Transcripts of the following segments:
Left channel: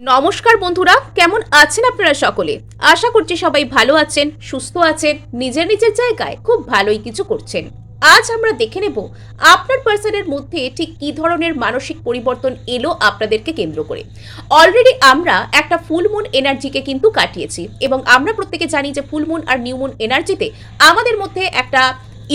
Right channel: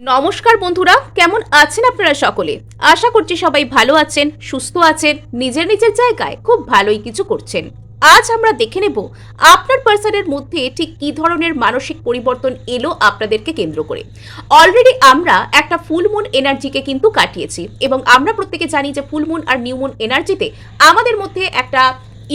নমস্কার বন্ধুরা, কেমন আছেন আপনারা সকলে? আশা করছি সবাই ভালো আছেন, সুস্থ আছেন, নিজের নিজের জায়গায় খুব ভালোই কিছু করছেন। আজ আমরা দেখে নেব আপনার পার্সনের মধ্যে ঠিক কী ধরনের মানসিক পরিবর্তন এলো আপনাদেরকে কেন্দ্র করে। অলরেডি আমরা একটা ফুল মুন এনার্জিকে কিন্তু কাটিয়েছি এবং আমরা প্রত্যেকে জানি যে ফুল মুন আর নিউ মুন এনার্জিতে আমাদের মধ্যে একটা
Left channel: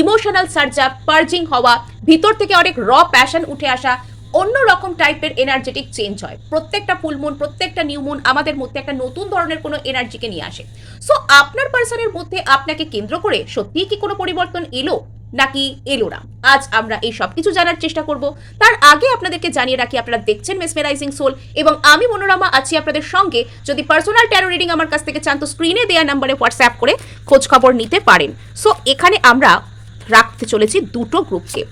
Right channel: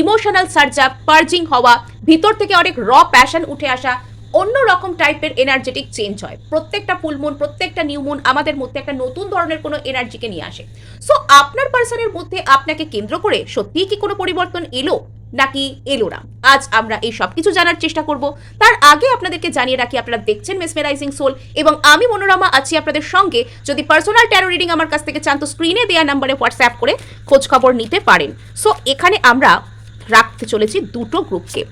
ইমোশনাল সার্জ আপ, পার্জিং হওয়া, ভিতর থেকে অনেক প্যাশন উঠে আসা, অন্য রকম টাইপের এনার্জেটিক চেঞ্জ হয়। প্রত্যেকটা ফুল মুন, প্রত্যেকটা নিউ মুন আমাদের মধ্যে একটা নতুন ধরনের কোনো এনার্জিকে নিয়ে আসে। সো আপনার পার্সনের মধ্যে আপনাকে কেন্দ্র করে সত্যিই কি কোনো পরিবর্তন এলো নাকি এলো না, আজ আমরা এই সব কিছু জানার চেষ্টা করব। তার আগে আপনাদেরকে জানিয়ে রাখি, আপনারা দেখছেন মেসমেরাইজিং সোল এবং আমি মনোরমা আছি আপনাদের সঙ্গে। যদি পার্সোনাল ট্যারো রিডিং আমার কাছ থেকে চান তো স্ক্রিনে দেওয়া নাম্বারে হোয়াটসঅ্যাপ করে খোঁজ খবর নিতে পারেন। সো এখানে আমরা রাখতে চলেছি দুটো গ্রুপকে।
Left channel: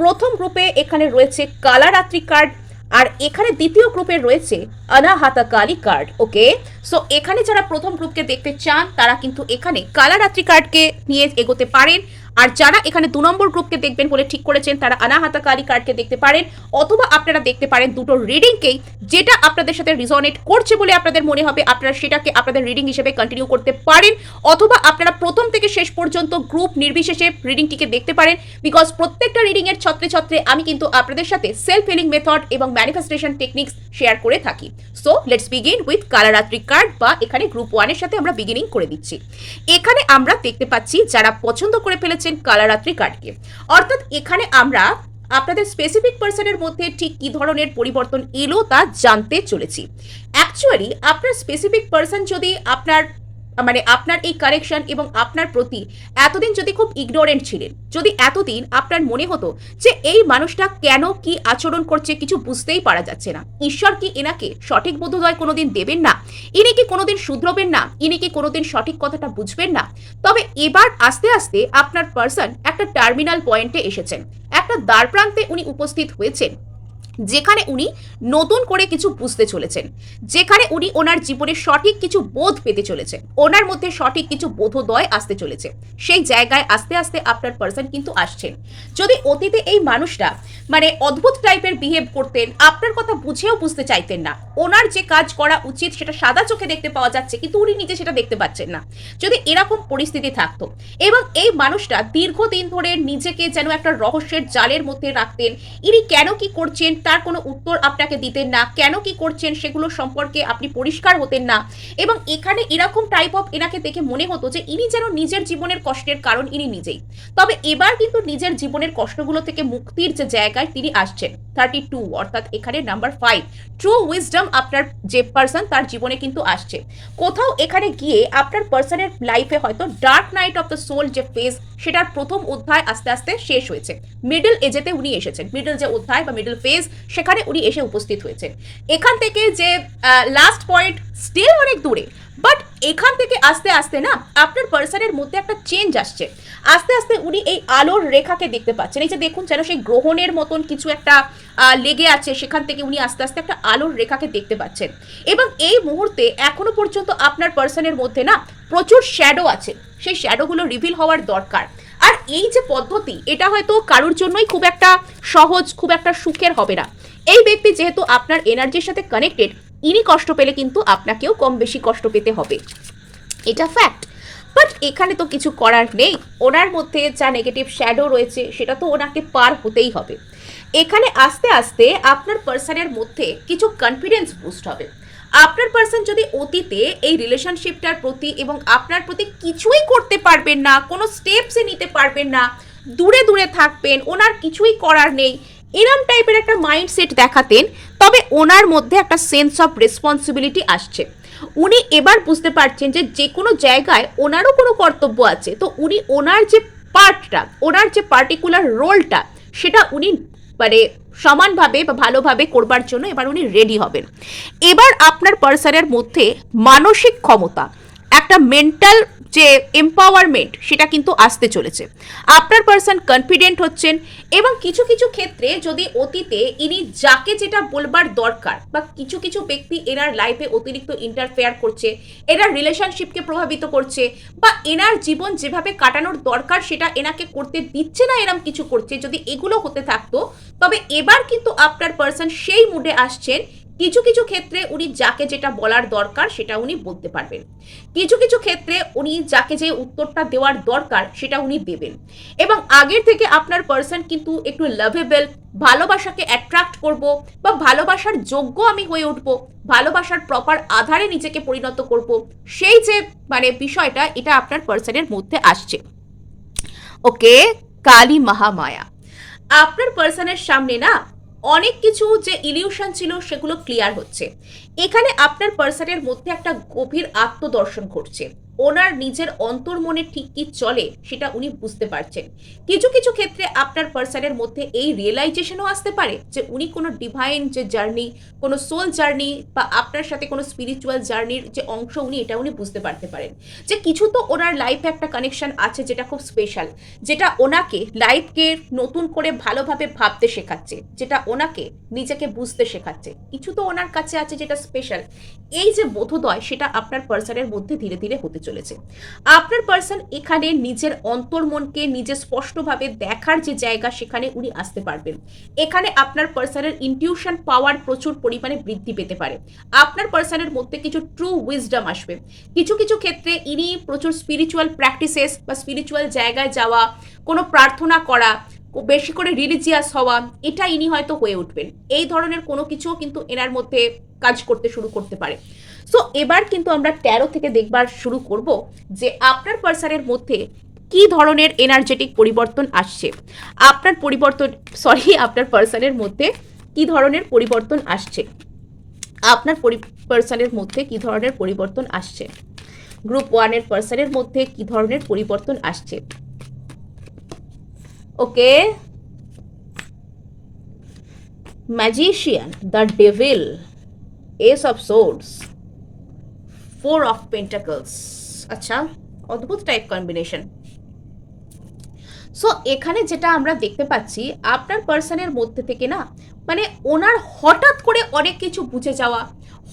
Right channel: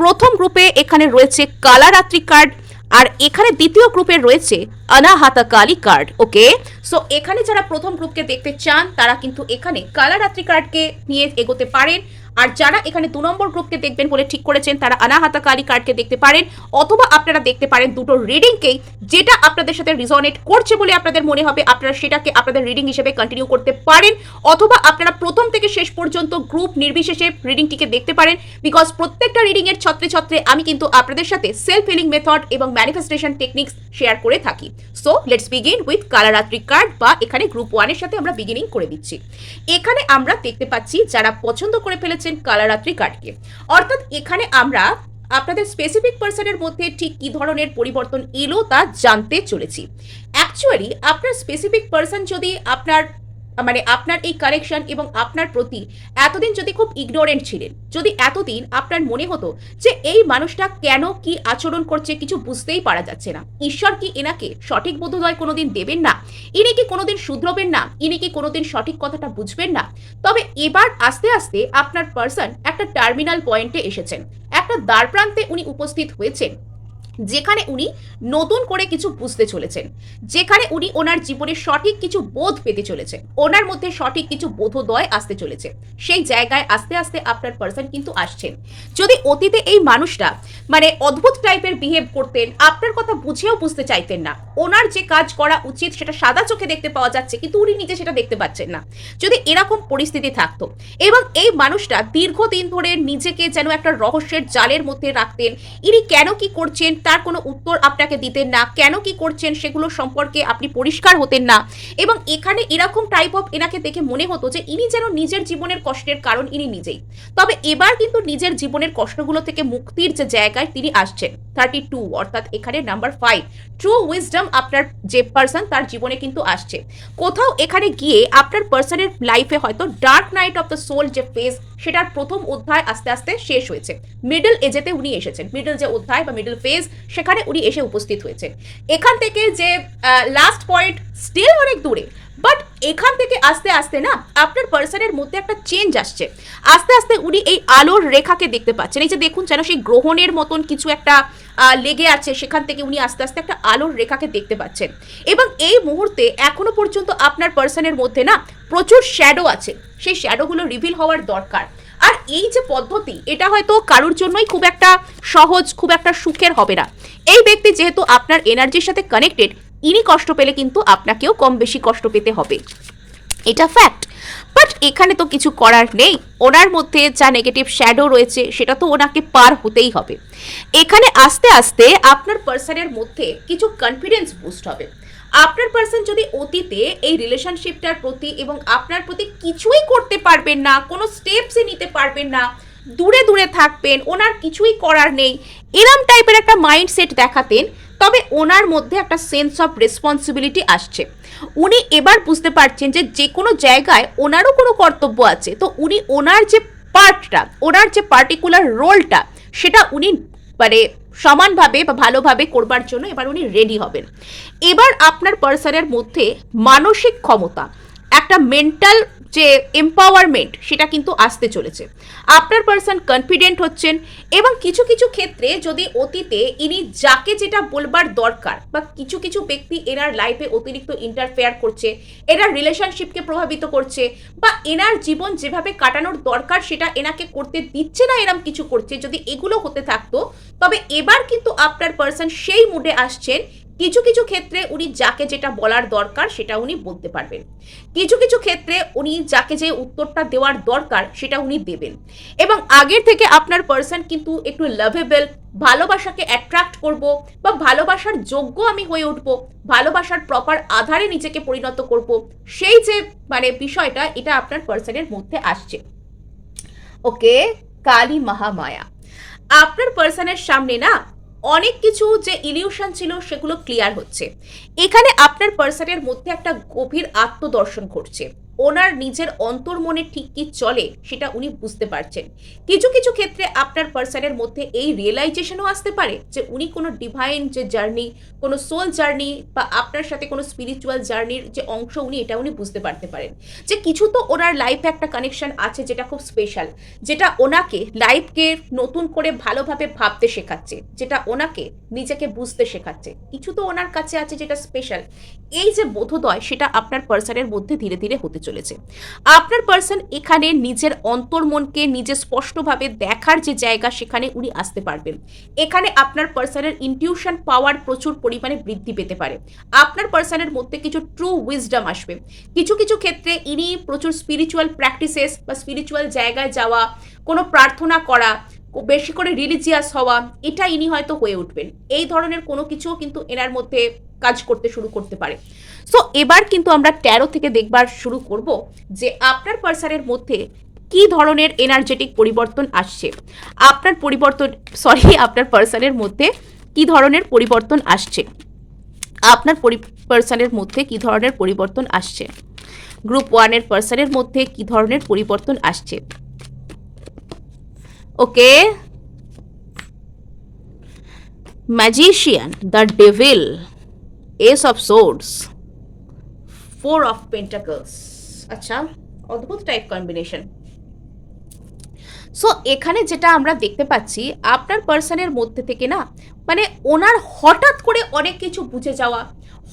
প্রথম গ্রুপে এখানে রয়েছে কালারাত্রি কার্ড আর এখানে দ্বিতীয় গ্রুপে রয়েছে অনাহাতা কালী কার্ড। ওকে, সো এখানে যারা প্রথম গ্রুপকে দেখতে চান তারা কিন্তু এখানে কালারাত্রি কার্ডকে নিয়ে এগোতে পারেন, আর যারা এখানে 2 নম্বর গ্রুপকে দেখবেন বলে ঠিক করেছেন তারা অনাহাতা কালী কার্ডকে দেখতে পারেন, অথবা আপনারা দেখতে পারেন দুটো রিডিংকেই। যেটা আপনাদের সাথে রিজনেট করছে বলে আপনাদের মনে হবে আপনারা সেটাকে আপনাদের রিডিং হিসেবে কন্টিনিউ করতে পারেন, অথবা আপনারা প্রথম থেকে শেষ পর্যন্ত গ্রুপ নির্বিশেষে রিডিংটিকে দেখতে পারেন। বিকজ প্রত্যেকটা রিডিং এর ছত্রে ছত্রে আমি কিন্তু আপনাদের সাথে সেলফ হিলিং মেথড এবং ম্যানিফেস্টেশন টেকনিক্স শেয়ার করে থাকি। So let's begin with Kalaratri card, বা এখানে গ্রুপ 1 এর সাথে আমরা বিগিনিং করে দিচ্ছি। এখানে আমরা দেখতে পাচ্ছি যারা পছন্দ করে ফেলেছেন কালারাত্রি কার্ডকে, অর্থাৎ এখানে আমরা আপনাদের স্পেসিফিক পার্সনের মধ্যে ঠিক কি ধরনের পরিবর্তন এলো তা জানতে চলেছি। অ্যাকচুয়ালি আপনার স্পেসিফিক পার্সন যদি আপনার এই কারেকশন এবং আপনার প্রতি এতদিন যদি খুব ইগনোরেন্ট ছিলেন, যদি এতদিন আপনার মনে হতো যে এই মানুষটা কেন কি আচরণ করছে কিছু বুঝতেই পারা যাচ্ছে না, ঈশ্বর কি এনাকে সঠিক বোধোদয় কোনোদিন দেবেন না, ইনি কি কোনোদিন শুধরবেন না, ইনি কি কোনোদিন সঠিক কথাটা বুঝবেন না, তবে এবার আস্তে আস্তে আপনার পার্সন একটা টার্মিনাল পয়েন্টে এসেছেন, একটা দ্বার প্রান্তে উনি উপস্থিত হয়েছেন, যেখানে উনি নতুন করে কিছু বুঝতে চলেছেন, যেখানে উনি ওনার জীবনে সঠিক কিছু বোধ পেতে চলেছেন, ওনার মধ্যে সঠিক কিছু বোধোদয় আসতে চলেছে। সেই জায়গায় আস্তে আস্তে আপনার পার্সন কিন্তু আসছেন। যদি অতীতে এই মানুষটা অদ্ভুত টাইপের বিহেভ করতেন, আপনার কথা বুঝেও বুঝতে চাইতেন না, ওনার যে কাজ করা উচিত সেটা সাদা চোখে দেখতে পাওয়া যাচ্ছে কিন্তু উনি নিজে সেটা দেখতে পাচ্ছেন না, যদি এরকম পরিস্থিতি থাকতো এবং এই মানুষটা দীর্ঘদিন ধরে নিজেকে যেন একটা রহস্যের জালের মধ্যে রাখতেন, ইনি কেন কি করছেন তার কোনো উত্তর আপনাকে দিতেন না, কেন কি করছেন সেগুলো সম্পর্কে আপনি পরিষ্কার হতেন না, এবং এখানে এরকম টাইপ অফ এনাকে দেখে মনে হতো যে ইনি যেন নিজের জীবনের কষ্টের কারণ ইনি নিজেই। তবে এবার কিন্তু নিজের জীবনের কষ্টগুলো থেকে মুক্তির যে জায়গায় তিনি আসছেন। 32 অর্থাৎ এখানে নাম্বার 5 ট্রু উইজডম আপনার যে পার্সন তার জীবনে কিন্তু আসছে। কোথাও এখানে গিয়ে আপনার পার্সনের লাইফে হয়তো dark night of the soul যে ফেজ সেটার প্রথম অধ্যায় আস্তে আস্তে শেষ হয়েছে, মিডল এজেতে উনি এসেছেন, মিডল যে অধ্যায় বা মিডল ফেজ সেখানে উনি এসে উপস্থিত হয়েছেন। এখান থেকে যে লাস্ট পয়েন্ট স্টিল অনেক দূরে, বাট এখান থেকে আস্তে আস্তে না আপনার পার্সনের মধ্যে একটা চেঞ্জ আসছে। আস্তে আস্তে উনি এই আলোর রেখাকে দেখতে পাচ্ছেন, এই যে দেখুন যেন সেই গ্রহণের মতন কিছু একটা লেগে আছে, সেখান থেকে উনি আস্তে আস্তে একটা আলোর রেখাকে দেখতে পাচ্ছেন। এবং এই মুহূর্তে এখনো পর্যন্ত আপনার পার্সনের মধ্যে না প্রচুর শ্যাডো আছে, সেই শ্যাডোগুলো রিভিল হওয়ার দরকার। আর এই যে পদ্ধতি এটা হয়তো কারোর জন্যই খুব একটা সহজ, খুব একটা সুখের হবে না। এই ব্যক্তি যেহেতু আপনার এনার্জির সাথে কানেক্টেড, ইনি কষ্ট পেলে কিন্তু আপনাকেও কম বেশি কষ্ট পেতে হবে, এটা ফ্যাক্ট। বাট এখানে তো কিছু করার নেই, ওনার মধ্যে যা নেগেটিভ শ্যাডো রয়েছে সেটা তো ওনাকে পার হতেই হবে। এখানে আস্তে আস্তে আপনার পার্সনের মধ্যে কিছু কনফিডেন্স বুস্ট হবে। আপনার পার্সন যদি অতীতে এই রিলেশনশিপটার প্রতি এবং আপনার প্রতি কিছুই করতে পারবেন না, কোনো স্টেপসই নিতে পারবেন না, দূরে দূরে থাকবেন, ওনার কিছুই করার নেই, এরম টাইপের একটা মাইন্ডসেট দেখাতেন, তবে ওনার মধ্যে একটা সেন্স অফ রেসপন্সিবিলিটি আসছে। উনি এবার বুঝতে পারছেন যে যে কোনো জায়গায় ওনারও কোনো কর্তব্য আছে, তো উনি ওনার যে পার্টটা, ওনার যে পার্টিকুলার রোলটা সেটা উনি সমানভাবে বা ভালোভাবে করবার জন্য এবার উনি রেডি হবেন। এবার আপনার পার্সনের মধ্যে মানসিক ক্ষমতা, একটা মেন্টাল যে এম্পাওয়ারমেন্ট সেটা কিন্তু আসতে চলেছে। আপনার পার্সন কনফিডেন্ট হচ্ছেন এবং কিছু কিছু ক্ষেত্রে যদি অতীতে ইনি যাকে যেটা বলবার দরকার বা কিছু কিছু ব্যক্তি এনার লাইফে অতিরিক্ত ইন্টারফেয়ার করছে, এনার রিলেশনশিপকে প্রভাবিত করছে, বা এনার জীবন যেভাবে কাটানোর দরকার সেটা এনাকে করতে দিচ্ছে না, এরম কিছু করছে, যদি এগুলো হতে থাকতো তবে এবার কিন্তু আপনার পার্সন সেই মুডে আসছেন কিছু কিছু ক্ষেত্রে উনি যাকে যেটা বলার দরকার সেটা উনি বলতে পারবেন, কিছু কিছু ক্ষেত্রে উনি যাকে যে উত্তরটা দেওয়ার দরকার সেটা উনি দেবেন। এবং আগের থেকে আপনার পার্সন কিন্তু একটু লাভেবল, ভালোবাসাকে অ্যাট্রাক্ট করব বা ভালোবাসার যোগ্য আমি হয়ে উঠবো, ভালোবাসার প্রপার আধারে নিজেকে পরিণত করব, সেই যে মানে বিষয়টা এটা আপনার পার্সনের মধ্যে আসছে। ওকে, কালী মহামায়া আপনার পার্সনের সামনে না অনেক কিছু যে ইলিউশন ছিল সেগুলো ক্লিয়ার হচ্ছে। এখানে আপনার পার্সনের মধ্যে একটা গভীর আত্মদর্শন ঘটছে, ওনার নিজের অন্তর্মনে ঠিক কি চলে সেটা উনি বুঝতে পারছেন। কিছু কিছু ক্ষেত্রে আপনার পার্সনের মধ্যে এই রিয়েলাইজেশনও আসতে পারে যে উনি কোনো ডিভাইন যে জার্নি, কোনো সোল জার্নি বা আপনার সাথে কোনো স্পিরিচুয়াল জার্নির যে অংশ উনি এটা উনি বুঝতে পারতে পারেন যে কিছু তো ওনার লাইফে একটা কানেকশন আছে যেটা খুব স্পেশাল, যেটা ওনাকে লাইফকে নতুন করে ভালোভাবে ভাবতে শেখাচ্ছে, যেটা ওনাকে নিজেকে বুঝতে শেখাচ্ছে। কিছু তো ওনার কাছে আছে যেটা স্পেশাল। এই যে বোধোদয় সেটা আপনার পার্সনের মধ্যে ধীরে ধীরে হতে চলেছে। আপনার পার্সন এখানে নিজের অন্তর্মনকে নিজে স্পষ্টভাবে দেখার যে জায়গা সেখানে উনি আসতে পারবেন। এখানে আপনার পার্সনের ইনটিউশন পাওয়ার প্রচুর পরিমাণে বৃদ্ধি পেতে পারে। আপনার পার্সনের মধ্যে কিছু ট্রু উইজডম আসবে। কিছু কিছু ক্ষেত্রে ইনি প্রচুর স্পিরিচুয়াল প্র্যাকটিসেস বা স্পিরিচুয়াল জায়গায় যাওয়া, কোনো প্রার্থনা করা, বেশি করে রিলিজিয়াস হওয়া, এটা ইনি হয়তো হয়ে উঠবেন। এই ধরনের কোনো কিছুও কিন্তু এনার মধ্যে কাজ করতে শুরু করতে পারে। সো এবার কিন্তু আমরা 13 থেকে দেখবার শুরু করব যে আপনার পার্সনের মধ্যে কি ধরনের এনার্জেটিক পরিবর্তন আসছে, আপনার পার্সনের মধ্যে কি ধরনের পরিবর্তন আসছে, আপনার পার্সনের মধ্যে কি ধরনের পরিবর্তন আসছে, গ্রুপ 1 এর পার্সনের মধ্যে কি ধরনের পরিবর্তন আসছে। Okay, magician, the devil, ace of swords, 4 of pentacles. আচ্ছা, অদ্ভুত টাইপ কম্বিনেশন। সো এখানে যেটা আমরা দেখতে পাচ্ছি আপনার পার্সনের মধ্যে থেকে না মানে ওনার হঠাৎ করে অনেক কিছু বুঝে যাওয়া,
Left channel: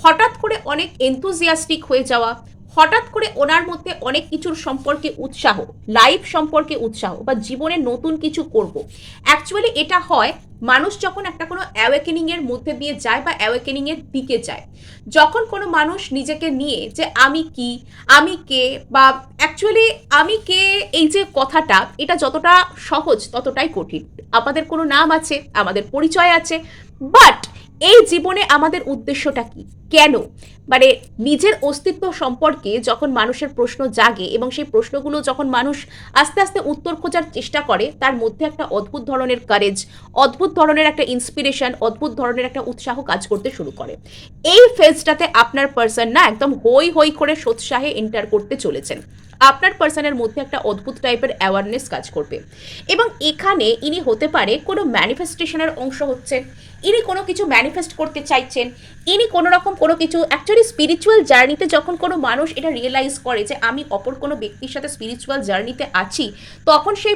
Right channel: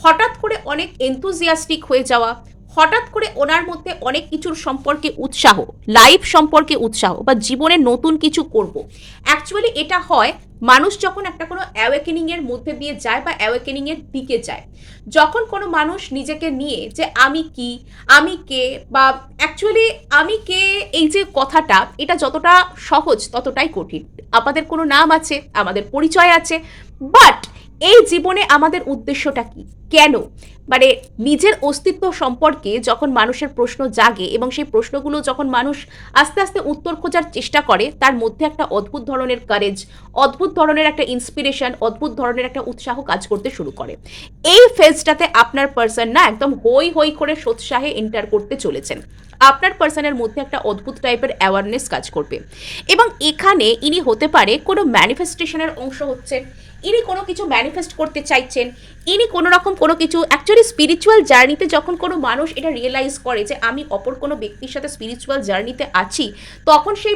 হঠাৎ করে অনেক এনথুজিয়াস্টিক হয়ে যাওয়া, হঠাৎ করে ওনার মধ্যে অনেক কিছুর সম্পর্কে উৎসাহ, লাইফ সম্পর্কে উৎসাহ বা জীবনে নতুন কিছু করব। অ্যাকচুয়ালি এটা হয় মানুষ যখন একটা কোনো অ্যাওয়েকেনিং এর মধ্যে দিয়ে যায় বা অ্যাওয়েকেনিং এর দিকে যায়, যখন কোনো মানুষ নিজেকে নিয়ে যে আমি কি, আমি কে, বা অ্যাকচুয়ালি আমি কে, এই যে কথাটা এটা যতটা সহজ ততটাই কঠিন। আমাদের কোনো নাম আছে, আমাদের পরিচয় আছে, বাট এই জীবনে আমাদের উদ্দেশ্যটা কি, কেন, মানে নিজের অস্তিত্ব সম্পর্কে যখন মানুষের প্রশ্ন জাগে এবং সেই প্রশ্নগুলো যখন মানুষ আস্তে আস্তে উত্তর খোঁজার চেষ্টা করে, তার মধ্যে একটা অদ্ভুত ধরনের কারেজ, অদ্ভুত ধরনের একটা ইন্সপিরেশন, অদ্ভুত ধরনের একটা উৎসাহ কাজ করতে শুরু করে। এই ফেজটাতে আপনার পার্সন না একদম হই হই করে সোৎসাহে এন্টার করতে চলেছেন। আপনার পার্সনের মধ্যে একটা অদ্ভুত টাইপের অ্যাওয়ারনেস কাজ করবে এবং এখানে ইনি হতে পারে কোনো ম্যানিফেস্টেশনের অংশ হচ্ছেন, ইনি কোনো কিছু ম্যানিফেস্ট করতে চাইছেন, ইনি কোনো রকম কোনো কিছু অ্যাকচুয়ালি স্পিরিচুয়াল জার্নিতে যখন কোনো মানুষ এটা রিয়েলাইজ করে যে আমি অপর কোনো ব্যক্তির সাথে স্পিরিচুয়াল জার্নিতে আছি, তখন সেই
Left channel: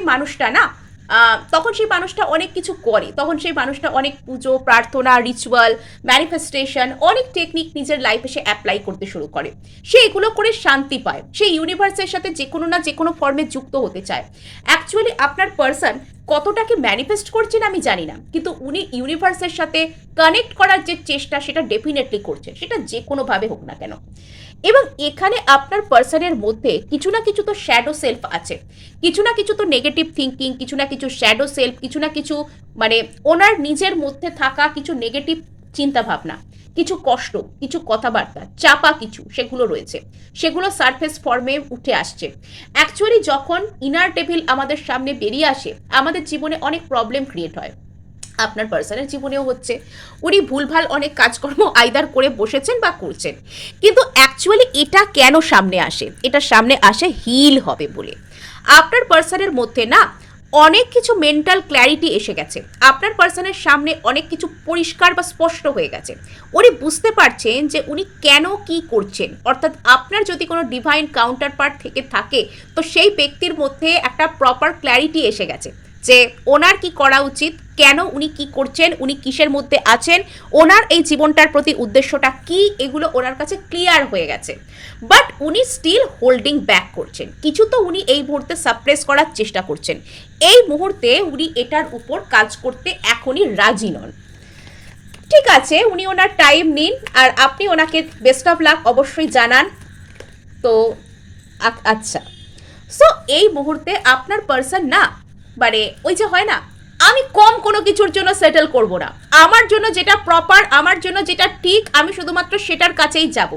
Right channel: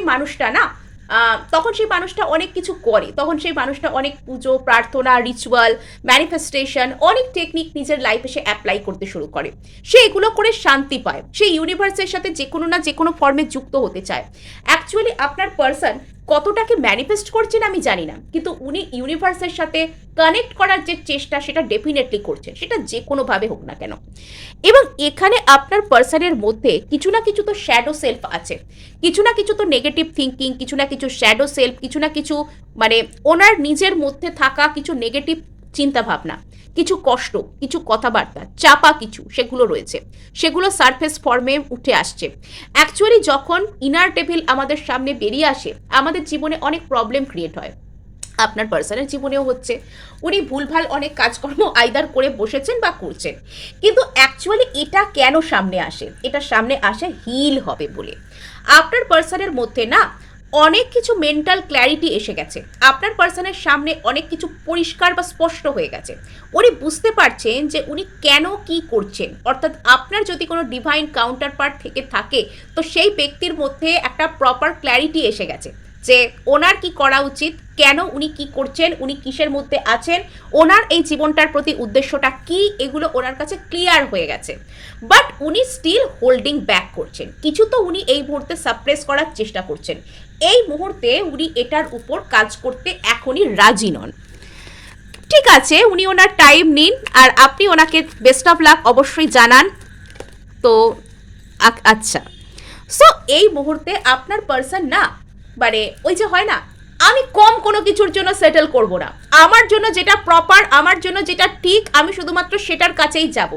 মানুষটা অনেক কিছু করে, তখন সেই মানুষটা অনেক পুজো, প্রার্থনা, রিচুয়াল, ম্যানিফেস্টেশন, অনেক টেকনিক নিজের লাইফে সে অ্যাপ্লাই করতে শুরু করে। সে এগুলো করে শান্তি পায়, সে ইউনিভার্সের সাথে যে কোনো না যে কোনো ফর্মে যুক্ত হতে চায়। অ্যাকচুয়ালি আপনার পার্সন কতটাকে ম্যানিফেস্ট করছেন আমি জানি না, কিন্তু উনি ইউনিভার্সের সাথে কানেক্ট করার যে চেষ্টা সেটা ডেফিনেটলি করছেন, সেটা যে কোনোভাবে হোক না কেন। এবং এখানে আপনার পার্সনের মধ্যে কিছু না কিছু তো শ্যাডো সেলফ আছে, কিছু না কিছু তো নেগেটিভ থিঙ্কিং, কিছু না কিছু শ্যাডো সেলফ, কিছু না কিছু মানে ওনার নিজের মধ্যে থাকা কিছু নেগেটিভ চিন্তাভাবনা, কিছু কষ্ট, কিছু কথাবার্তা, চাপা কিছু সেগুলো রয়েছে, সেগুলো সারফেস ফর্মে উঠে আসছে। অ্যাকচুয়ালি যখন ইনার ডেভিল আমাদের সামনে বেরিয়ে আসে, আমাদের জীবনে অনেক প্রবলেম ক্রিয়েট হয়। আপনার পার্সনের জীবনেও হচ্ছে, উনি ভুলভাল অনেক কাজকর্ম আইদার করে বসেছেন বা করছেন, কিন্তু অ্যাকচুয়ালি এটা কেন সামনে আসে, এটা সামনে আসে হিল হবে বলে। আপনার পার্সনের মধ্যে না অনেক কিছু মেন্টাল ক্ল্যারিটি এসে গেছে, আপনার পার্সনের সামনে অনেক কিছু পরিষ্কার বা স্পষ্ট হয়ে গেছে। উনি বুঝতে পারছেন যে উনি কেন কি করছেন, অর্থাৎ আপনার যদি কোনো ডিভাইন কাউন্টার পার্ট থেকে থাকে তো সেই ব্যক্তির মধ্যে একটা প্রপার ক্ল্যারিটি এসে গেছে যে ওনার কি করা উচিত, কেন উনি কি করছেন, উনি কিসের মধ্যে আছেন, ওনার এই জীবনটার প্রতি উদ্দেশ্যটা কি, এগুলো ওনার কাছে ক্লিয়ার হয়ে গেছে। বাট উনি স্টিল হোল্ডিং ব্যাক করছেন, কিছু তো উনি এই মুহূর্তে সাপ্রেস করার চেষ্টা করছেন। এই মুহূর্তে উনি এটার উপর কাজ করতে এখনই রাজি নন। ঠিক আছে, উনি ওনার টাইম নিন আর আপনি ওনাকে বেস্ট অফ লাক অবশ্যই জানান। তো আচ্ছা, সো এই মুহূর্তে আপনার পার্সন না, মানে ওই যে হয় না, আমি কম কোনো কিছুর জন্য সেটেল করব না, আমার জন্য যেটা প্রপার, আমার জন্য যেটা ঠিক, আমি শুধুমাত্র সেটার কাছেই যাব।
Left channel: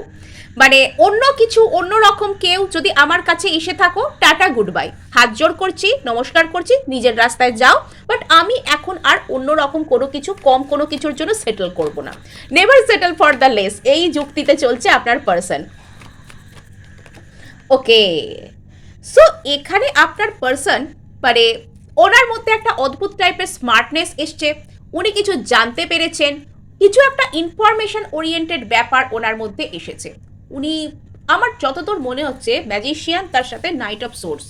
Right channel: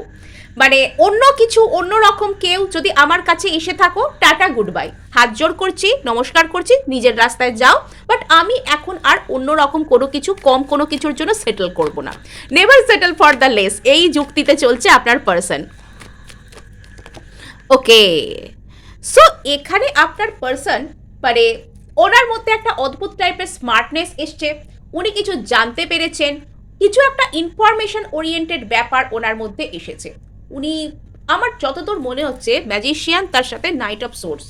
মানে অন্য কিছু, অন্য রকম কেউ যদি আমার কাছে এসে থাকো, টাটা গুড বাই, হাত জোড় করছি, নমস্কার করছি, নিজের রাস্তায় যাও, বাট আমি এখন আর অন্য রকম কোনো কিছু, কম কোনো কিছুর জন্য সেটেল করব না। Never settle for the less, এই যুক্তিতে চলছে আপনার পার্সন। ওকে, সো এখানে আপনার পার্সন, মানে ওনার মধ্যে একটা অদ্ভুত টাইপের স্মার্টনেস এসছে, উনি কিছু জানতে পেরেছেন, কিছু একটা ইনফরমেশন ওরিয়েন্টেড ব্যাপার ওনার মধ্যে এসেছে। উনি, আমার যতদূর মনে হচ্ছে, ম্যাজিশিয়ান তার সাথে নাইট অফ সোর্স,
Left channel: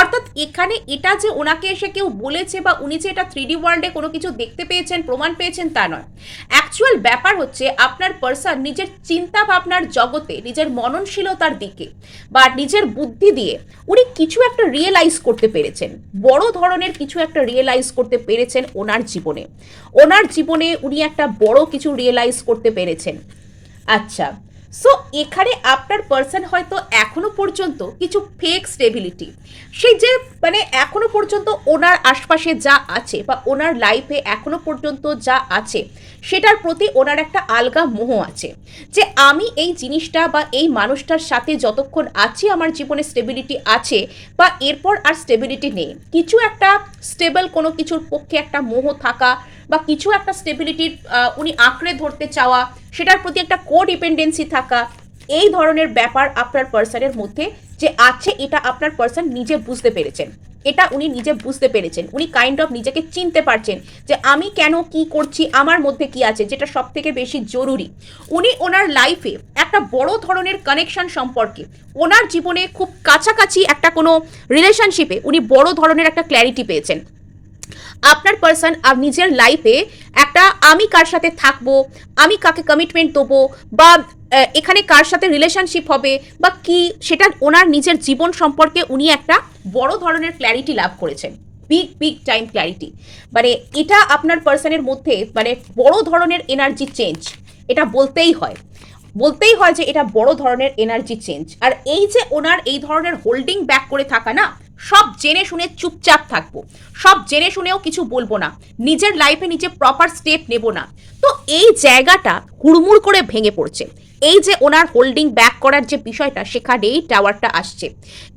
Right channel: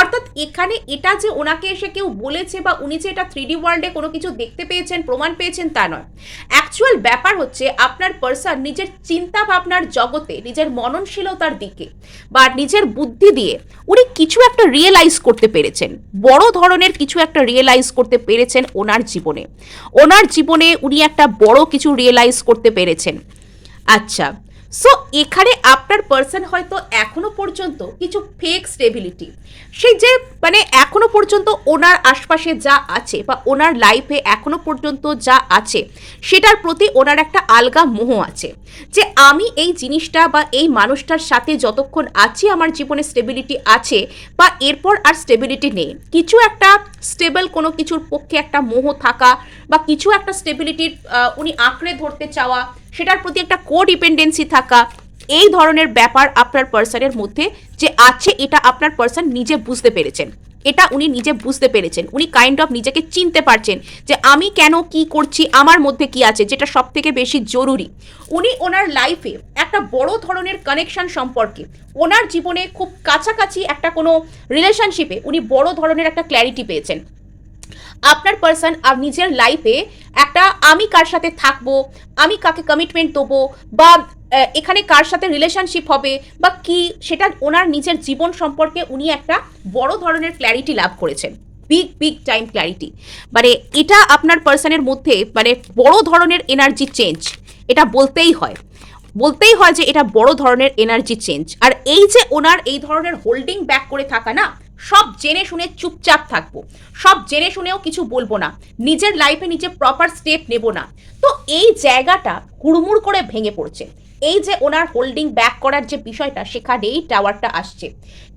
অর্থাৎ এখানে এটা যে ওনাকে এসে কেউ বলেছে বা উনি যে এটা 3D ওয়ার্ল্ডে কোনো কিছু দেখতে পেয়েছেন, প্রমাণ পেয়েছেন, তা নয়। অ্যাকচুয়াল ব্যাপার হচ্ছে আপনার পার্সন নিজের চিন্তা ভাবনার জগতে, নিজের মননশীলতার দিকে বা নিজের বুদ্ধি দিয়ে উনি কিছু একটা রিয়েলাইজ করতে পেরেছেন, বড় ধরনের কিছু একটা রিয়েলাইজ করতে পেরেছেন ওনার জীবনে। ওনার জীবনে উনি একটা বড় কিছু রিয়েলাইজ করতে পেরেছেন। আচ্ছা, সো এখানে আপনার পার্সন হয়তো এখনো পর্যন্ত কিছু ফেক স্টেবিলিটি, সেই যে মানে এখনো পর্যন্ত ওনার আশপাশে যা আছে বা ওনার লাইফে এখনো পর্যন্ত যা আছে সেটার প্রতি ওনার একটা আলগা মোহ আছে, যে আমি এই জিনিসটা বা এই মানুষটার সাথে যতক্ষণ আছি আমার জীবনে স্টেবিলিটি আছে, বা এরপর আর স্টেবিলিটি নেই। কিছু একটা স্টেবল কোনো কিছুর পক্ষে একটা মোহ থাকা বা কিছু একটা স্টেবিলিটির উনি আঁকড়ে ধরতে চাওয়া, সেটার প্রতি একটা কোডিপেন্ডেন্সি থাকা, এই ধরনের ব্যাপার আপনার পার্সনের মধ্যে যে আছে, এটা আপনার পার্সন নিজে বুঝতে পেরেছেন। এটা উনি নিজে বুঝতে পেরেছেন, উনি কাইন্ড অফ নিজেকে চিনতে পারছেন যে আমি কেন কি করছি, আমার মধ্যে কি আছে, যেটা সব থেকে বেশি জরুরি। উনি ওনার লাইফে একটা বড় ধরনের কানেকশন সম্পর্কে, ওনার জীবনে খুব কাছাকাছি একটা কোনো রিলেশনশিপে উনি বড় ধরনের একটা ক্ল্যারিটি পেয়েছেন। আপনার পার্সন নিজের লাইফে একটা আমি কার সাথে থাকবো, আমি কাকে কমিটমেন্ট দেবো, বা এখানে কার সাথে রিলেশনশিপ হবে বা কি, সেটা ওনার নিজের জীবন সম্পর্কে উনি একটা বড় ধরনের ক্ল্যারিটি লাভ করেছেন, বিগ টাইম ক্ল্যারিটি। মানে এটা আপনার পার্সনের মধ্যে মানে বড় ধরনের এনার্জি চেঞ্জ, এটা বলতেই হয় যে এটা বড় ধরনের এনার্জি চেঞ্জ। আর এই যে ওনার এই ধরনের হোল্ডিং ব্যাক করে থাকা না, সব জেনে শুনে চুপচাপ থাকবো, সব জেনে শুনেও কিছু বলবো না, নিজের লাইফে নিজে প্রপার স্টেপ নেব না, তো এই জায়গাটা হুড়মুড় করে ভেঙে পড়ছে। এই যে ওনার হোল্ডিং ব্যাক করার যে বিষয়টা, সেখানেই টাওয়ারটা আসছে।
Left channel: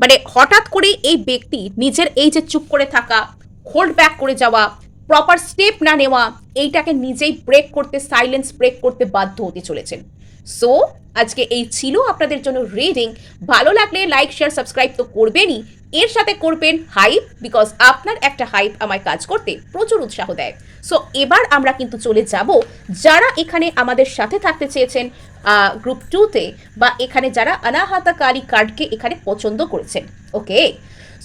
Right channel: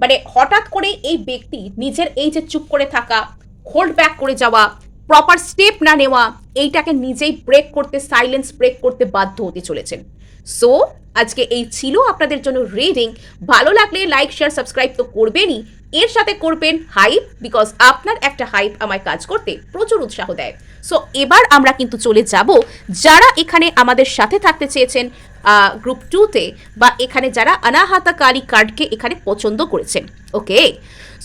মানে হঠাৎ করে এই ব্যক্তি নিজের এই যে চুপ করে থাকা, হোল্ড ব্যাক করে যাওয়া, প্রপার স্টেপ না নেওয়া, এইটাকে নিজেই ব্রেক করতে, সাইলেন্স ব্রেক করতে বাধ্য হতে চলেছেন। সো আজকে এই ছিল আপনাদের জন্য রিডিং। ভালো লাগলে লাইক, শেয়ার, সাবস্ক্রাইব তো করবেনই, এর সাথে করবেন হাইপ, বিকজ আপনার একটা হাইপ আমায় কাজ করতে প্রচুর উৎসাহ দেয়। সো এবার আমরা কিন্তু চলে যাব, যারা এখানে আমাদের সাথে থাকতে চেয়েছেন গ্রুপ 2-তে, বা এখানে যারা অনাহাতাকারী কার্ডকে এখানে পছন্দ করেছেন। ওকে,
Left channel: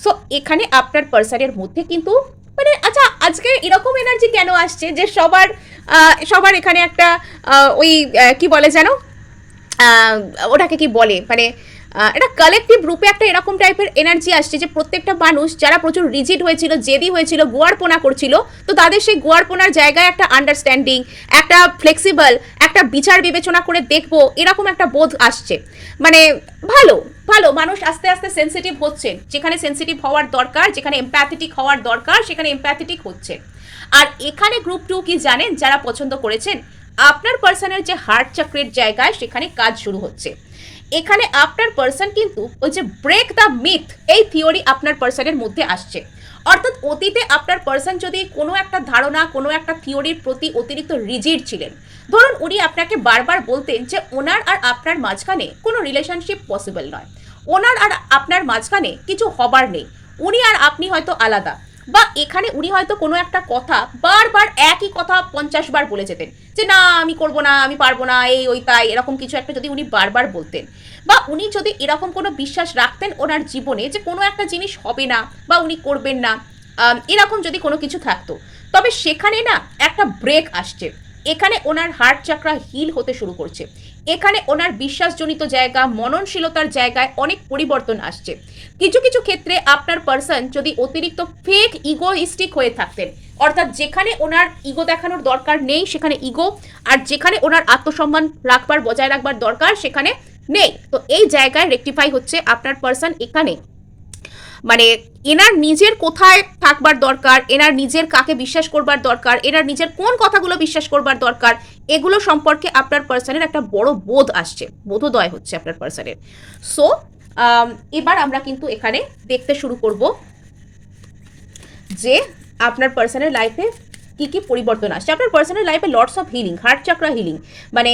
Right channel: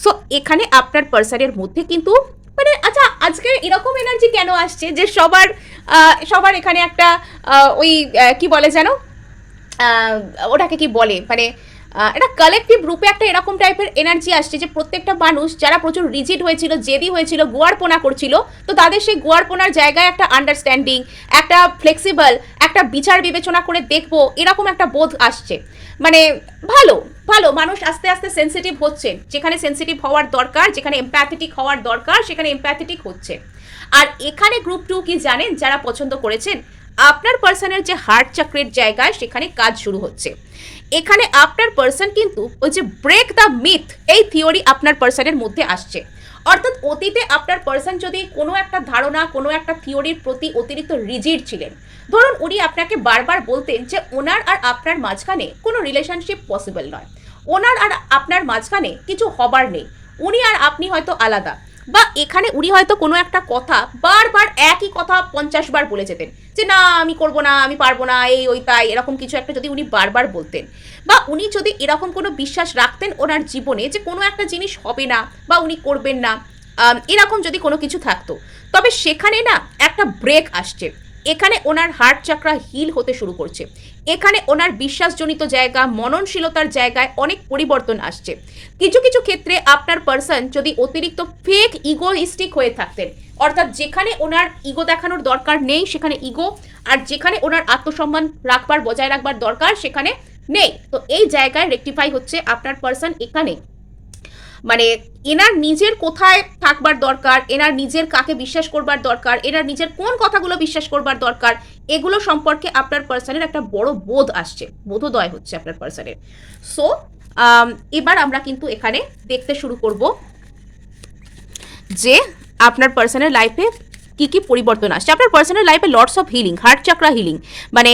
সো এখানে আপনার পার্সনের মধ্যে কিন্তু মানে, আচ্ছা আজকে এরকম এনার্জি কেন আসছে যে সবার এখানে একটা ওই কি বলে যেন, ওটাকে কি বলে, মানে একটা কালেকটিভ রূপে একটা এরকম টাইপের এনার্জি আসছে যে প্রত্যেকটা মানুষ যারা প্রচুর রিজিড হয়েছিল, জেদি হয়েছিল, গোয়ারপোনা করছিল, তো তাদের সেই গোয়ারপোনার জায়গায় একটা আন্ডারস্ট্যান্ডিং, একটা ফ্লেক্সিবল, একটা বিচার বিবেচনা করে দেখবো, এরকম একটা বোধ আসছে। মানে ভালো ভালো মানুষ আস্তে আস্তে সেন্সিটিভ হচ্ছেন, যেখানে সেন্সিটিভ হওয়ার দরকার, যেখানে এমপ্যাথেটিক হওয়ার দরকার, সেখানে এমপ্যাথেটিক হচ্ছে। আর এখানে গ্রুপ 2 কি জানেন, যারা পছন্দ করেছেন, আপনার পার্সনের যে হার্ট চক্রের জায়গায় সেখানে কাজ শুরু হচ্ছে। এখানে আপনার পার্সন কিন্তু ওই যে ব্রেক দ্য মিথ, এই থিওরি আপনার পার্সনের মধ্যে আসছে। অর্থাৎ অতীতে আপনার পার্সন যদি কোনো একটা ধারণা, কোনো একটা থিওরির প্রতি অতিরিক্ত রিজিড ছিলেন, ধরুন উনি আপনাকে বারবার বলতেন যে ওনার আর আপনার মাঝখানে কোনো রিলেশনশিপ পসিবল নয়, ওনার আর আপনার মাঝখানে কিছু হবার নেই, উনি আর আপনি হয়তো আলাদা, বা এখানে উনি হয়তো কোনো একটা কথা বারবার একই কথা 50 বার বলে যেতেন যে না আমি করব না, আমি পারবো না, এই ওই তাই, এরকম কিছু একটা যদি উনি বারবার বলতেন, বা উনি যদি এরকম কোনো বিশ্বাস রাখতেন ওনার জীবনে যে কোনো একটা জিনিস হবে না বা উনি করবেন না, এরকম যদি কোনো কিছু থাকতো, তবে সেখানে না একটা ব্রেক আসছে। এখানে ওনার হার্ট চাকরা হিল হতে শুরু করছে। এখানে ওনার বিশ্বাসজনিত জায়গা, মননশীলতার জায়গায় অনেক পরিবর্তন আসছে। কিছু কিছু ক্ষেত্রে আপনার পার্সন যদি অতিরিক্ত ফেক ইগোইস্টিক হয়ে থাকতেন, অর্থাৎ যেখানে ওনার ইগো দেখানোর দরকার নেই সেখানে ইগো, আর যেখানে ওনার আত্মসম্মান রাখবার বজায় রাখবার দরকার সেখানে নেই, তো এই জায়গায় রেকটিফাই হচ্ছে আপনার পার্সন এখানে মানে এনার নিজের কোথায় থাকবার দরকার, এনার নিজের কাকে বিশ্বাস করবার দরকার, এনার নিজের কোন কথাগুলো বিশ্বাস করবার দরকার, এগুলো সম্পর্কে আপনার পার্সনের একটা বড় বোধ আসছে, বোধোদয় হচ্ছে আপনার পার্সনের। সো এবার আমরা কিন্তু এখানে দেখতে শুরু করব যে আপনার পার্সনের লাইফে কি কি পরিবর্তন আসছে। আপনার পার্সোনাল লাইফে lots of healing, heart চাকরা healing, মানে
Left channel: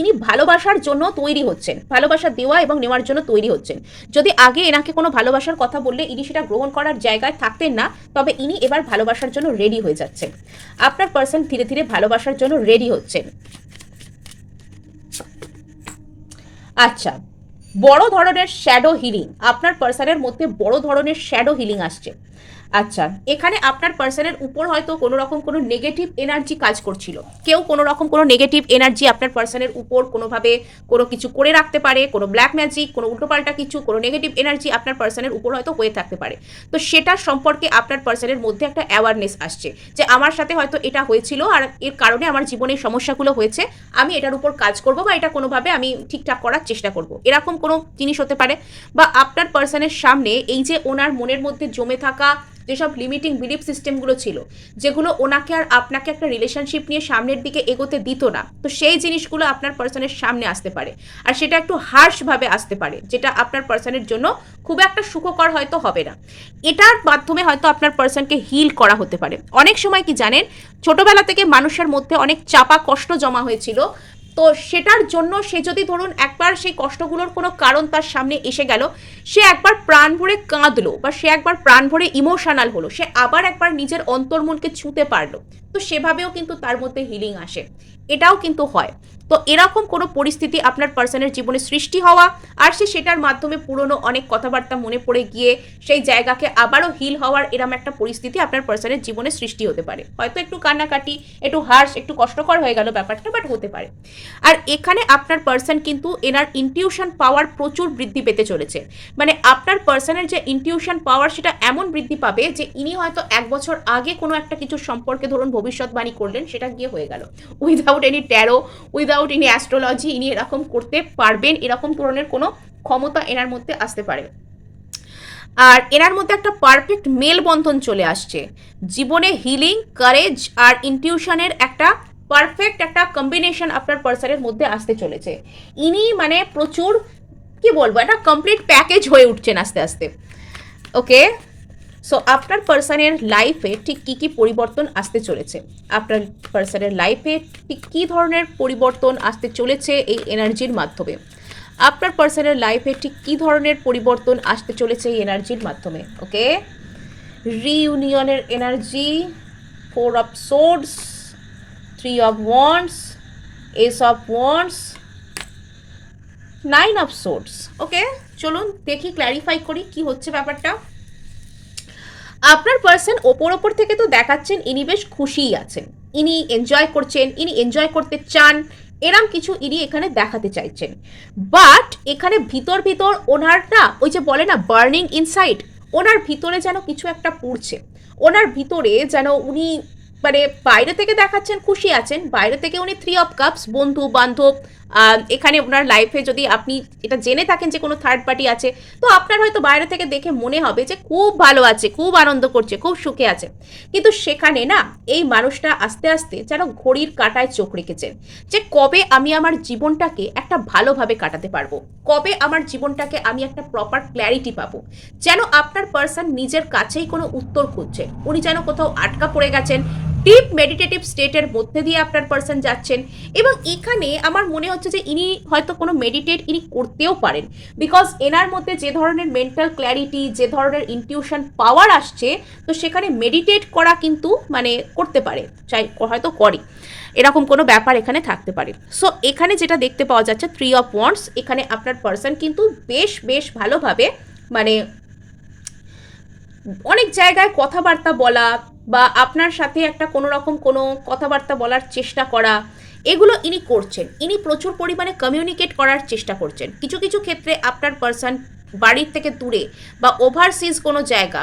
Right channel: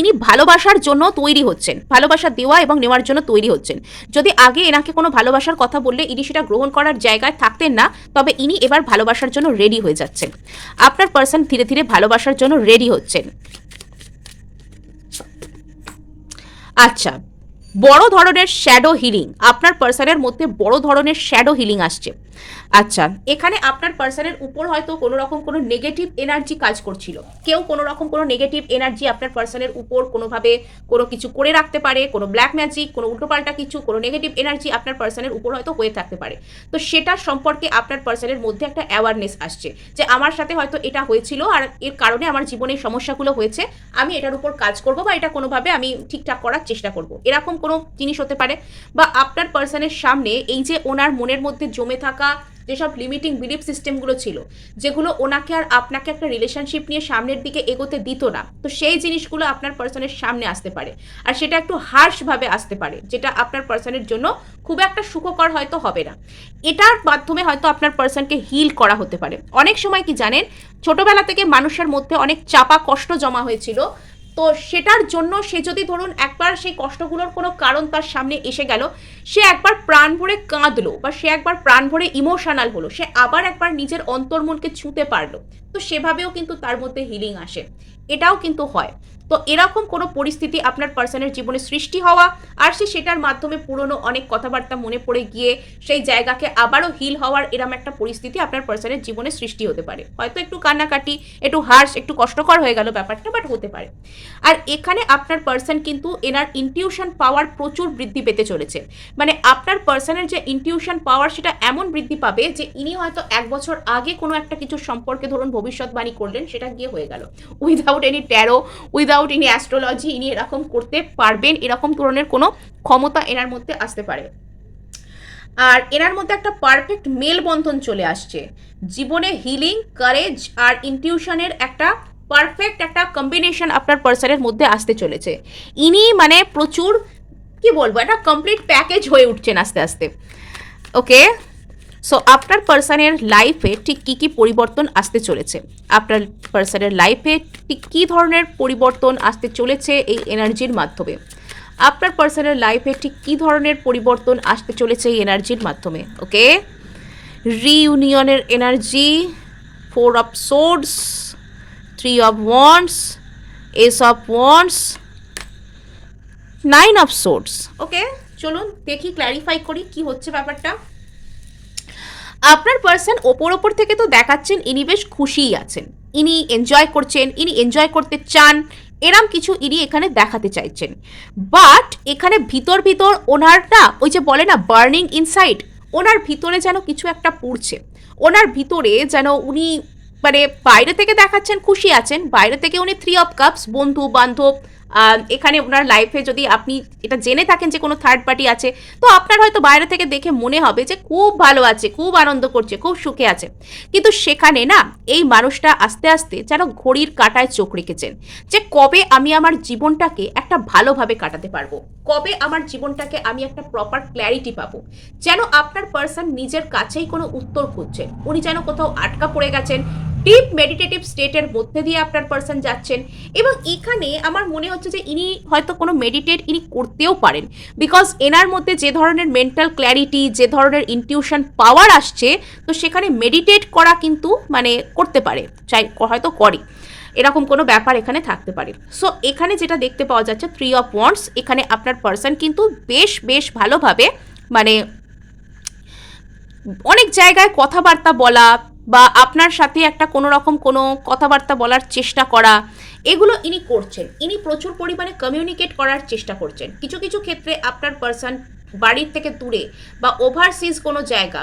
ইনি ভালোবাসার জন্য তৈরি হচ্ছেন, ভালোবাসা দেওয়া এবং নেওয়ার জন্য তৈরি হচ্ছেন। যদি আগে এনাকে কোনো ভালোবাসার কথা বললে ইনি সেটা গ্রহণ করার জায়গায় থাকতেন না, তবে ইনি এবার ভালোবাসার জন্য রেডি হয়ে যাচ্ছেন। আপনার পার্সন ধীরে ধীরে ভালোবাসার জন্য রেডি হচ্ছেন। আচ্ছা, বড় ধরনের শ্যাডো হিলিং, আপনার পার্সনের মধ্যে বড় ধরনের শ্যাডো হিলিং আসছে। আচ্ছা, এখানে আপনার পার্সনের উপর হয়তো কোনো রকম কোনো নেগেটিভ এনার্জি কাজ করছিল, কেউ কোনো রকম কোনো নেগেটিভ এনার্জি আপনার পার্সনের উপর কোনোভাবে কোনো কিছু করে রাখতে পারে, কোনো ব্ল্যাক ম্যাজিক, কোনো উল্টোপাল্টা কিছু, কোনো নেগেটিভ এনার্জি আপনার পার্সনের উপর হয়তো হয়ে থাকতে পারে। তো সেটার সম্পর্কে আপনার পার্সনের মধ্যে একটা অ্যাওয়ারনেস আসছে যে আমার সাথে হয়তো এটা হয়েছিল আর এর কারণে আমার জীবনে সমস্যাগুলো হয়েছে, আমি এটার উপর কাজ করব বা এটা কোনোভাবে আমি ঠিকঠাক করার চেষ্টা করব, এরকম কোনো জিনিস হতে পারে। বা আপনার পার্সনের সামনে এই যে ওনার মনের মধ্যে জমে থাকা যেসব লিমিটিং বিলিফ সিস্টেমগুলো ছিল, যেগুলো ওনাকে আর আপনাকে একটা রিলেশনশিপ নিয়ে সামনের দিকে এগোতে দিত না, তো সেই জিনিসগুলো আপনার পার্সনের সামনে আসতে পারে, আর সেটা একটু হার্শভাবে আসতে পারে, যেটা আপনার পার্সনের জন্য খুব একটা সুখকর হয়তো হবে না। এটার মাধ্যমে হয়তো আপনার পার্সনকে হিল করা হতে পারে। অনেক সময় কি জানেন, ছোটবেলা থেকে মানুষের মধ্যে অনেক চাপা কষ্ট জমা হয়েছিল, তো সেটার জন্য সে যদি ধরুন একবার সেই কষ্টগুলোর কোনো কারণ তার সামনে এসে গেল, সে একবার প্রাণ ভরে কাঁদলো বা সে একবার প্রাণ ভরে ইমোশনাল হলো, সে আবার একবার নিজের অন্তর্মনকে ছুঁতে পারলো, তো সেভাবেও কিন্তু তার মধ্যে হিলিং আসে, এটাও কিন্তু হয়। তো এরকম কোনো পরিস্থিতি আপনার পার্সনের জীবনে সৃষ্টি হওয়া, আর সে সেটার মাধ্যমে পুরনো অনেক কথাবার্তা মনে পড়ে গিয়ে সেই জায়গাকে আবারও হিল হওয়ার এরম একটা পরিস্থিতি আপনার পার্সনের জীবনে সৃষ্টি হতে পারে। হয়তো একটু কান্নাকাটি, একটু হার্শ, একটু কষ্টকর হয়ে গেল ব্যাপারটা, বাট হতে পারে। আর এখানে আপনার পার্সন কিন্তু এনার ইনটিউশন পাওয়ার প্রচুর বৃদ্ধি পেতে চলেছে। মানে আপনার পার্সনের যে ইনটিউশন পাওয়ার সেটা এমন বৃদ্ধি পাবে যে ইনি হয়তো 1 বছর আগে কোনো একটা কিছু সম্পর্কে ধরুন ভবিষ্যৎবাণী করলেন, সেটা গিয়ে হয়ে গেল, without any taro, without any astrology, ইনি এরকম করতে পারবেন, এরকম ধরনের কোনো ক্ষমতা এনার মধ্যে আসতে পারে। আর এনার মধ্যে একটা পারফেক্ট মেলবন্ধন চলে আসছে, জীবনে হিলিং, কারেজ আর ইনটিউশনের একটা পারফেক্ট একটা কম্বিনেশন আপনার পার্সনের মধ্যে আসতে চলেছে। ইনি মানে প্রচুর কি বলবো, একটা কমপ্লিট প্যাকেজ হয়ে উঠছেন আস্তে আস্তে। ওকে, সো আপনার পার্সনের লাইফে ঠিক কী কী পরিবর্তন আসতে চলেছে, আপনার পার্সনের লাইফে ঠিক কী ধরনের পরিবর্তন আসতে চলেছে এই এনার্জির মাধ্যমে, আপনার পার্সনের লাইফে ঠিক কী ধরনের পরিবর্তন আসতে চলেছে এই এনার্জির মাধ্যমে। ওকে, রিইউনিয়নের energy, 4 of swords, 3 of wands, ace of wands, 9 of swords. Okay, চলুন দেখি, ক্ল্যারিফাই করি কি হচ্ছে ব্যাপারটা। আপনার পার্সন ওপর থেকে তো দেখাচ্ছেন ইনি বেশ খুশিই আছেন, ইনি এনজয় করছেন, ইনি এনজয় করতে চান, এরম কিছু ইনি এখানে দেখাতে চাইছেন। বাট এখানে ভিতর ওনার না, ওই যে বলে না বার্নিং ইনসাইড, ওনার ভিতরে যেন কিছু একটা পুড়ছে, ওনার ভিতরে যেন উনি মানে বাইরে থেকে দেখাচ্ছেন খুশি আছেন, বাইরে থেকে উনি 3 অফ কাপস, বন্ধু বান্ধব, এখানে ওনার লাইফে যদি আপনি এটা জেনে থাকেন যে কোনো থার্ড পার্টি আছে, তো আপনার হয়তো বাইরে থেকে দেখে মনে হবে যে খুব ভালো আছে, খুব আনন্দ করছে, খুব সুখে আছে, কিন্তু সেখানে না এই মানুষটা আস্তে আস্তে যেন ঘড়ির কাঁটায় চোখ রেখেছেন যে কবে আমি আমার জীবনটাকে একটা ভালোভাবে কাটাতে পারবো, কবে আমার জীবনটাকে আমি একটা প্রপার ক্ল্যারিটি পাবো। যেন আপনার পার্সন নিজের কাছেই কোনো উত্তর খুঁজছেন, উনি যেন কোথাও আটকা পড়ে গেছেন, ডিপ মেডিটেটিভ স্টেটের মধ্যে দিয়ে আপনার পার্সন যাচ্ছেন। এবং এখানে আমার মনে হচ্ছে যে ইনি হয়তো কোনো মেডিটেট ইনি করতেও পারেন, বিকজ এনার মধ্যে যে ধরনের মেন্টাল ক্ল্যারিটি, যে ধরনের ইনটিউশন পাওয়ার আসছে, তো সেখানে মেডিটেট করা কিন্তু মানে করতে পারে, চাই হয়তো করে, এরকম কোনো ব্যাপার এখানে থাকতে পারে। সো এখানে যেটা দেখতে পাওয়া যাচ্ছে 3 অফ ওয়ান্ডস, এখানে আপনার পার্সন কিন্তু বেশ ভালোভাবে মানে অনেক জায়গায় কথাবার্তা বলা, বা আপনার সাথে একটা কোনো রকম কোনো কথাবার্তা বলার চেষ্টা করা, এগুলো ইনি করছেন। ইনি প্রচুর পরিমাণে কমিউনিকেট করার চেষ্টা করছেন। কিছু কিছু ক্ষেত্রে আপনার পার্সন বাড়ির থেকে দূরে বা ওভারসিজ কোনো জায়গা,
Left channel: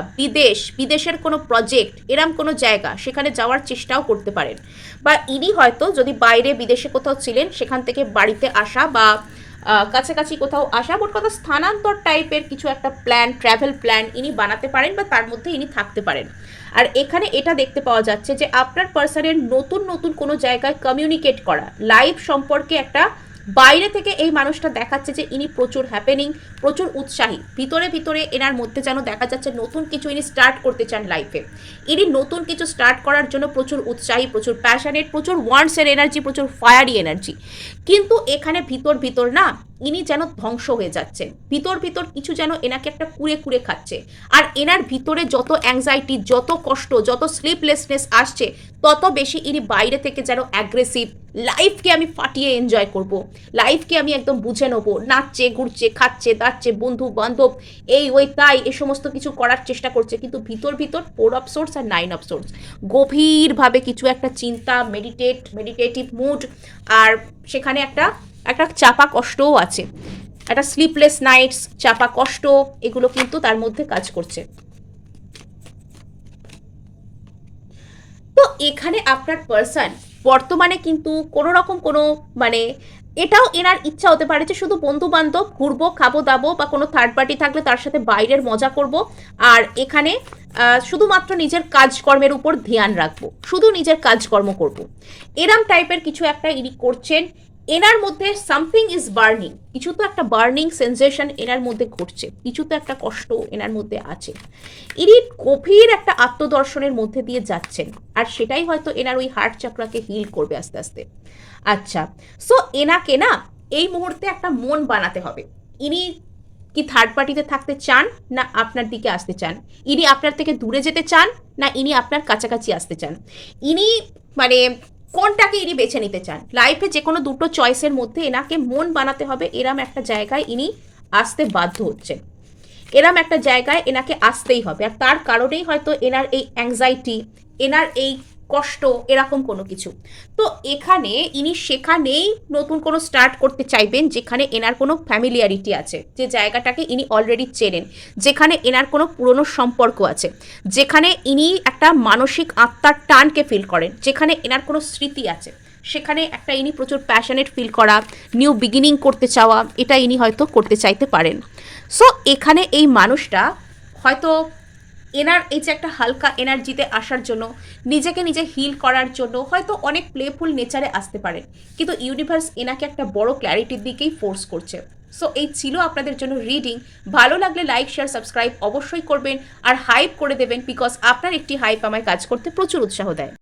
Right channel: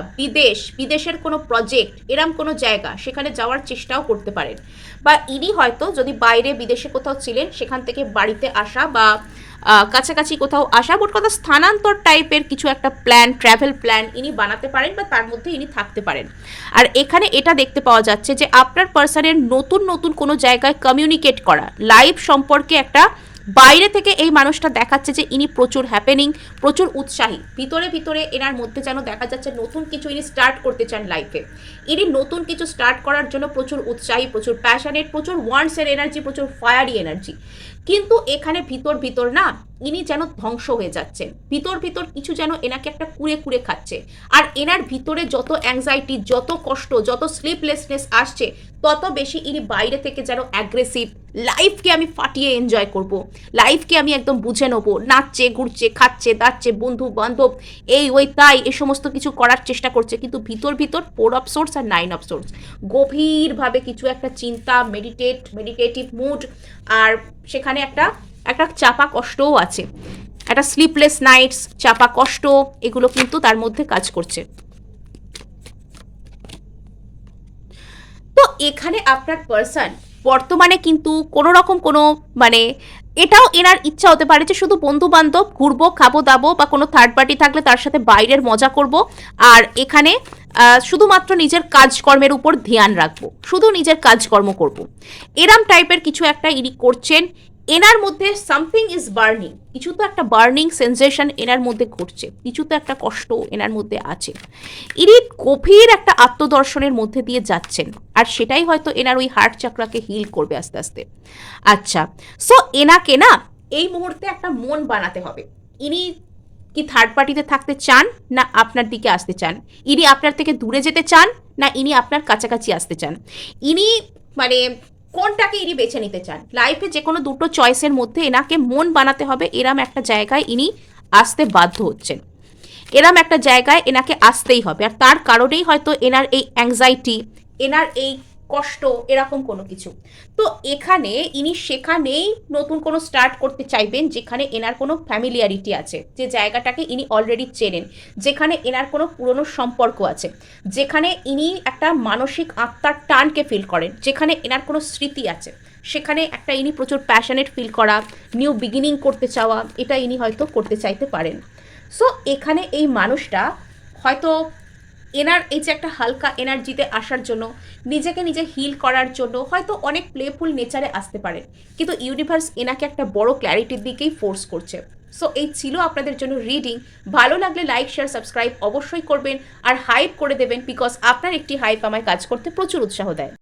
বিদেশের কোনো প্রজেক্ট, এরম কোনো জায়গা সেখানে যাওয়ার চেষ্টাও করতে পারেন। বা ইনি হয়তো যদি বাইরে বিদেশে কোথাও ছিলেন সেখান থেকে বাড়িতে আসা বা কাছাকাছি কোথাও আসা, মোট কথা স্থানান্তর টাইপের কিছু একটা প্ল্যান, ট্র্যাভেল প্ল্যান ইনি বানাতে পারেন বা তার মধ্যে ইনি থাকতে পারেন। আর এখানে এটা দেখতে পাওয়া যাচ্ছে যে আপনার পার্সনের নতুন নতুন কোনো জায়গায় কমিউনিকেট করা, লাইফ সম্পর্কে একটা বাইরে থেকে এই মানুষটা দেখাচ্ছে যে ইনি প্রচুর হ্যাপেনিং, প্রচুর উৎসাহী। ভিতরে ভিতরে এনার মধ্যে যেন দেখা যাচ্ছে নতুন কিছু ইনি স্টার্ট করতে চান লাইফে। ইনি নতুন কিছু স্টার্ট করার জন্য প্রচুর উৎসাহী, প্রচুর প্যাশনেট, প্রচুর ওয়ান্টস এর এনার্জি, প্রচুর ফায়ারি এনার্জি। কিন্তু এখানে ভিতর ভিতর না ইনি যেন ধ্বংস হয়ে যাচ্ছেন। ভিতর ভিতর কিছু যেন এনাকে একটা কুড়ে কুড়ে খাচ্ছে। আর এনার ভিতরে যত অ্যাংজাইটি, যত কষ্ট, যত স্লিপলেসনেস আসছে, তত বেশি ইনি বাইরে থেকে যেন অ্যাগ্রেসিভ। লাইফকে আমি ফাটিয়ে এনজয় করব, লাইফকে আমি একদম বুঝে নেবো, নাচছে, ঘুরছে, খাচ্ছে, দাচ্ছে, বন্ধু বান্ধব, এই ওই তাই এ সমস্ত কিছু করার চেষ্টা করছে। কিন্তু ভিতর ভিতর 4 অফ সোর্স আর 9 অফ সোর্স, গভীরভাবে কিছু একটা চিন্তা, মেডিটেটিভ মুড, আর সেখানে একটা একটা চাপা কষ্টও আছে, একটা স্লিপলেস নাইটস, চাপা কষ্ট, এগুলো কিন্তু তার মধ্যে কাজ করছে। তো এখানে আপনার পার্সন বর্তমানে কিন্তু কোনো রকম কোনো মানে এটাও এনার ইচ্ছা হতে পারে যে শুধু বন্ধু বান্ধব, ঘুরবো, খাবো দাবো, বা কোনো থার্ড পার্টি থাকলে তার সাথে বাইরের মজা করব, আর এখানে শুধুমাত্র নিজের কাজকর্মের উপর ধ্যান রাখবো, শুধু নিজের কাজকর্ম করব, এরম টাইপের কিছু একটা ইনি করছেন। এনার মধ্যে সামথিং ইজ বার্নিং, কিছু তো একটা বার্নিং সেন্সেশন এনার মধ্যে ঘটছে, কিছু তো একটা কষ্ট এনার মধ্যে আছে। ইনি গভীর একটা আত্মদর্শনের মধ্যে দিয়ে যাচ্ছেন, আর সেটাই হয়তো এনার ওই হার্ট চাকরাকে হিল করবে আস্তে আস্তে। আচ্ছা, সো এনাকে না এই মুহূর্তে একটা মন বানাতে হবে। ইনি কি থার্ড পার্টিতে থাকতে চান, না আপনার দিকে আসতে চান? ইনি আপনার থেকে দূরে যেতে চান, না ইনি আপনার কাছাকাছি আসতে চান? ইনি মানে কোনটাকে ইনি বেছে নিতে চান? লাইফে যে কোনো দুটো চয়েসের মধ্যে এনাকে মন বানাতে হবে। এরম একটা জায়গায় ইনি আসতে বাধ্য হচ্ছেন, এরম একটা জায়গায় এনাকে আসতেই হবে। আর তার কারণেই হয়তো এনার এই অ্যাংজাইটি, এনার এই কষ্ট, এরকম কোনো কিছু। তো এখানে ইনি সেখানেই নতুন কোনো স্টার্ট করতে চাইবেন যেখানে এনার কোনো ফ্যামিলিয়ারিটি আছে, যে জায়গাটাকে ইনি অলরেডি চেনেন, যেখানে এনার কোনো পুরনো সম্পর্ক আছে, যেখানে ইনি একটা মানসিক আত্মার টানকে ফিল করেন, যেখানে এনার কোনো স্মৃতি আছে, সেখানে একটা ইনি প্রচুর প্যাশনেট ফিল করা, নিউ বিগিনিং করতে চাওয়া, এটা ইনি হয়তো করতে চাইতে পারেন। সো এখানে এই মানুষটা হয়তো এনার এই যে একটা হালকা এনার্জিতে আসার জন্য, নিজেকে নিজে হিল করার জন্য হয়তো অনেক প্লেফুল নেচারে আসতে পারে, কিন্তু ইউনিভার্স এনাকে একটা বড় ক্ল্যারিটির দিকেই ফোর্স করছে। সো এই ছিল আপনাদের জন্য রিডিং। ভালো লাগলে লাইক, শেয়ার, সাবস্ক্রাইব অবশ্যই করবেন, আর হাইপ করে দেবেন, বিকজ আপনার একটি হাইপ আমায় কাজ করতে প্রচুর উৎসাহ দেয়।